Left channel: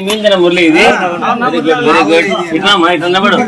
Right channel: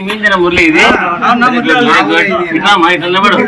మీందన మురళి ఇది very good very good ఇట్లా మా ఇట్లా నిలబడు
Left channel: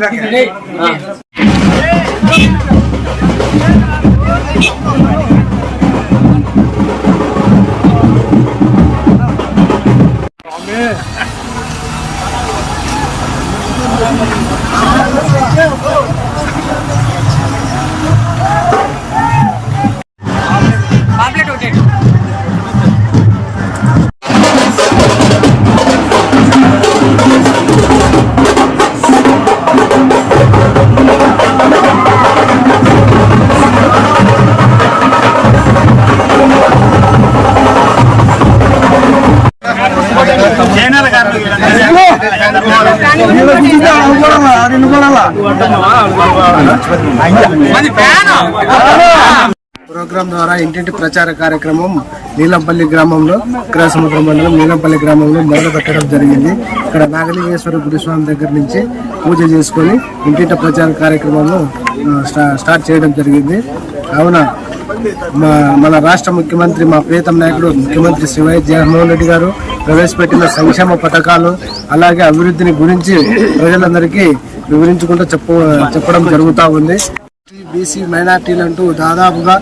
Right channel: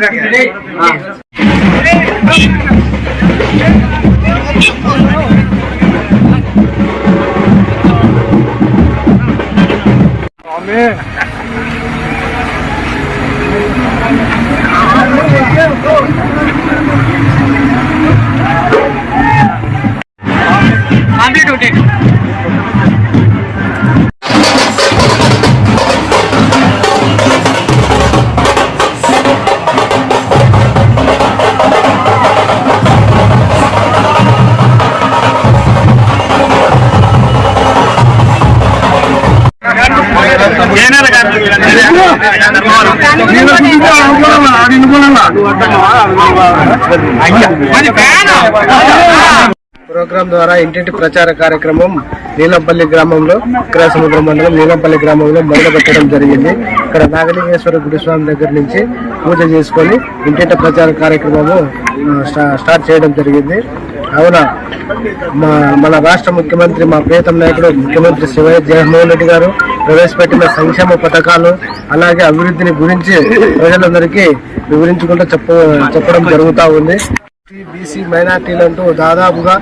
ఆ. ప్రోగ్రాం ద్వారా ఇంటింటి ప్రచార కార్యక్రమం నీలంపల్లి గ్రామంలో సముద్ర మండలం నీలంపల్లి గ్రామంలో మొదలు పెట్టడం జరిగింది. ఇక్కడ నాగలింగేశ్వర గురుస్వామి దగ్గర నుంచి పూజ చేసుకొని ఇంటింటి ప్రచార కార్యక్రమము స్టా- స్టార్ట్ చేయడం జరిగింది. అవున? మా మన రాష్ట్ర ముఖ్యమంత్రి మా ప్రియతమ నాయకుడు ముఖ్యమంత్రి శివయ్య జగన్మోహన్ రెడ్డి గారు ప్రవేశపెట్టిన సంక్షేమ పథకాలు అలాగే అభివృద్ధిని గురించి ప్రజలందరికీ వివరించుకుంటూ చెప్ప చెప్పడం జరుగుతూ ఉంది. బీసీ మైనార్టీలు అంటూ దాదాపుగా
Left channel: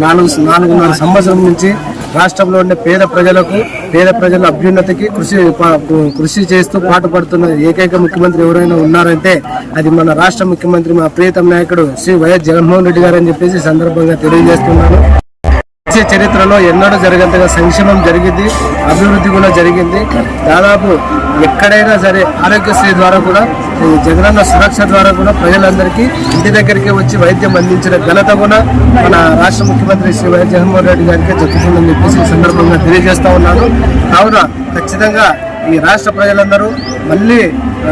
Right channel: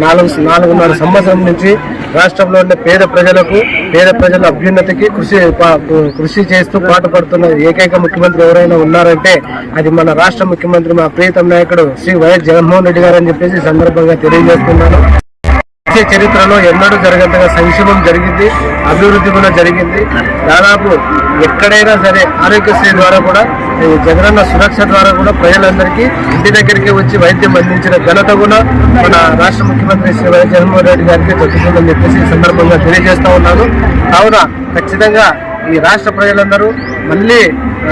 నాలుగు నాలుగున్నర సంవత్సరం నుంచి రాష్ట్రంలో ఉండే పేద ప్రజలకు పేద ప్రజల అభ్యున్నతికి కృషి ప- కృషి చేస్తూ పాటుపడుతున్న ఏకైక ముఖ్యమంత్రి ఎవరైనా ఉన్నారంటే అది మన రాష్ట్ర ముఖ్యమంత్రి మా ప్రీతం నాయకుడు శ్రీ వైఎస్ జగన్మోహన్ రెడ్డి గారు అని చెప్పేసి సందర్భంగా తెలియజేస్తున్నాను. దేశ చరిత్రలో ఎన్నడూ జరిగేంతగా సంక్షేమం జరిగింది అభివృద్ధి కూడా జరిగింది. దాదాపు ఎక్కడైనా సరే ఆరోగ్యశ్రీ ద్వారా కూడా జగనన్న సురక్ష ద్వారా కూడా ప్రజలందరికీ ఇంటి దగ్గరికి వచ్చి వైద్యం అందించిన ఘనత కూడా మన రాష్ట్ర ముఖ్యమంత్రి శ్రీ వైఎస్ జగన్మోహన్ రెడ్డి గారికి దక్కుతుందని చెప్పేసి సందర్భంగా తెలియజేస్తా ఉన్నాను. కావున ఖచ్చితంగా ఈ రాష్ట్ర ప్రజలందరూ మళ్ళీ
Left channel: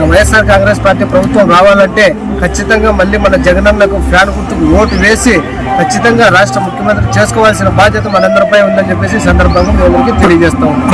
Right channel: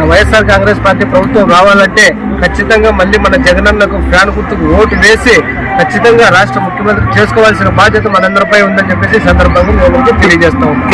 వైఎస్ఆర్ కాంగ్రెస్ పార్టీ ప్రభుత్వం రావాలంటే ఖచ్చితంగా మళ్ళీ మన జగనన్నకు ఫ్యాన్ గుర్తుకు ఓటు వేసి ఖచ్చితంగా రాష్ట్ర ముఖ్యమంత్రి చేసుకోవాల్సిన బాధ్యత మనందరిపై ఉందని చెప్పేసి సందర్భంగా మేము తెలియజేస్తా ఉన్నాం.